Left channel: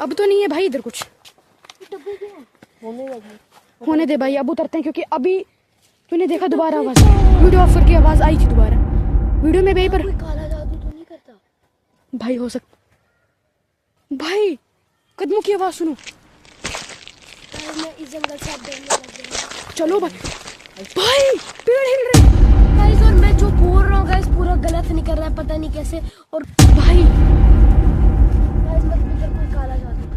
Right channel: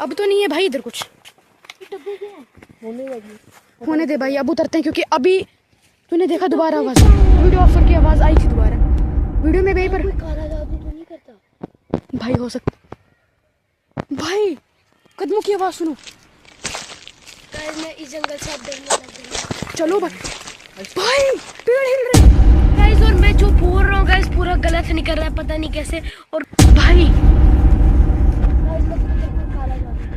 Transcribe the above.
अब तो नहीं है भाई इधर कुछ। होने दे भाई, अब उतरते हैं क्योंकि अभी तूने देखा दोबारा आवाज, वीडियो ऑफ करके आवाज आई थी दोबारा वीडियो में। भाई पर काला जादू तो नहीं करता भाई, हो सकता भाई, कदमों की आवाज सुनो। मैं इस जंगल से अब डरने लग गया। चलो भाई, भाई पेड़ हिल रहे हैं गाइस, और मैं जो बोल रहा हूँ गाइस पूरा गलत निकल रहा है, पता नहीं कैसे। और भाई। गाइस मतलब कोई काला जादू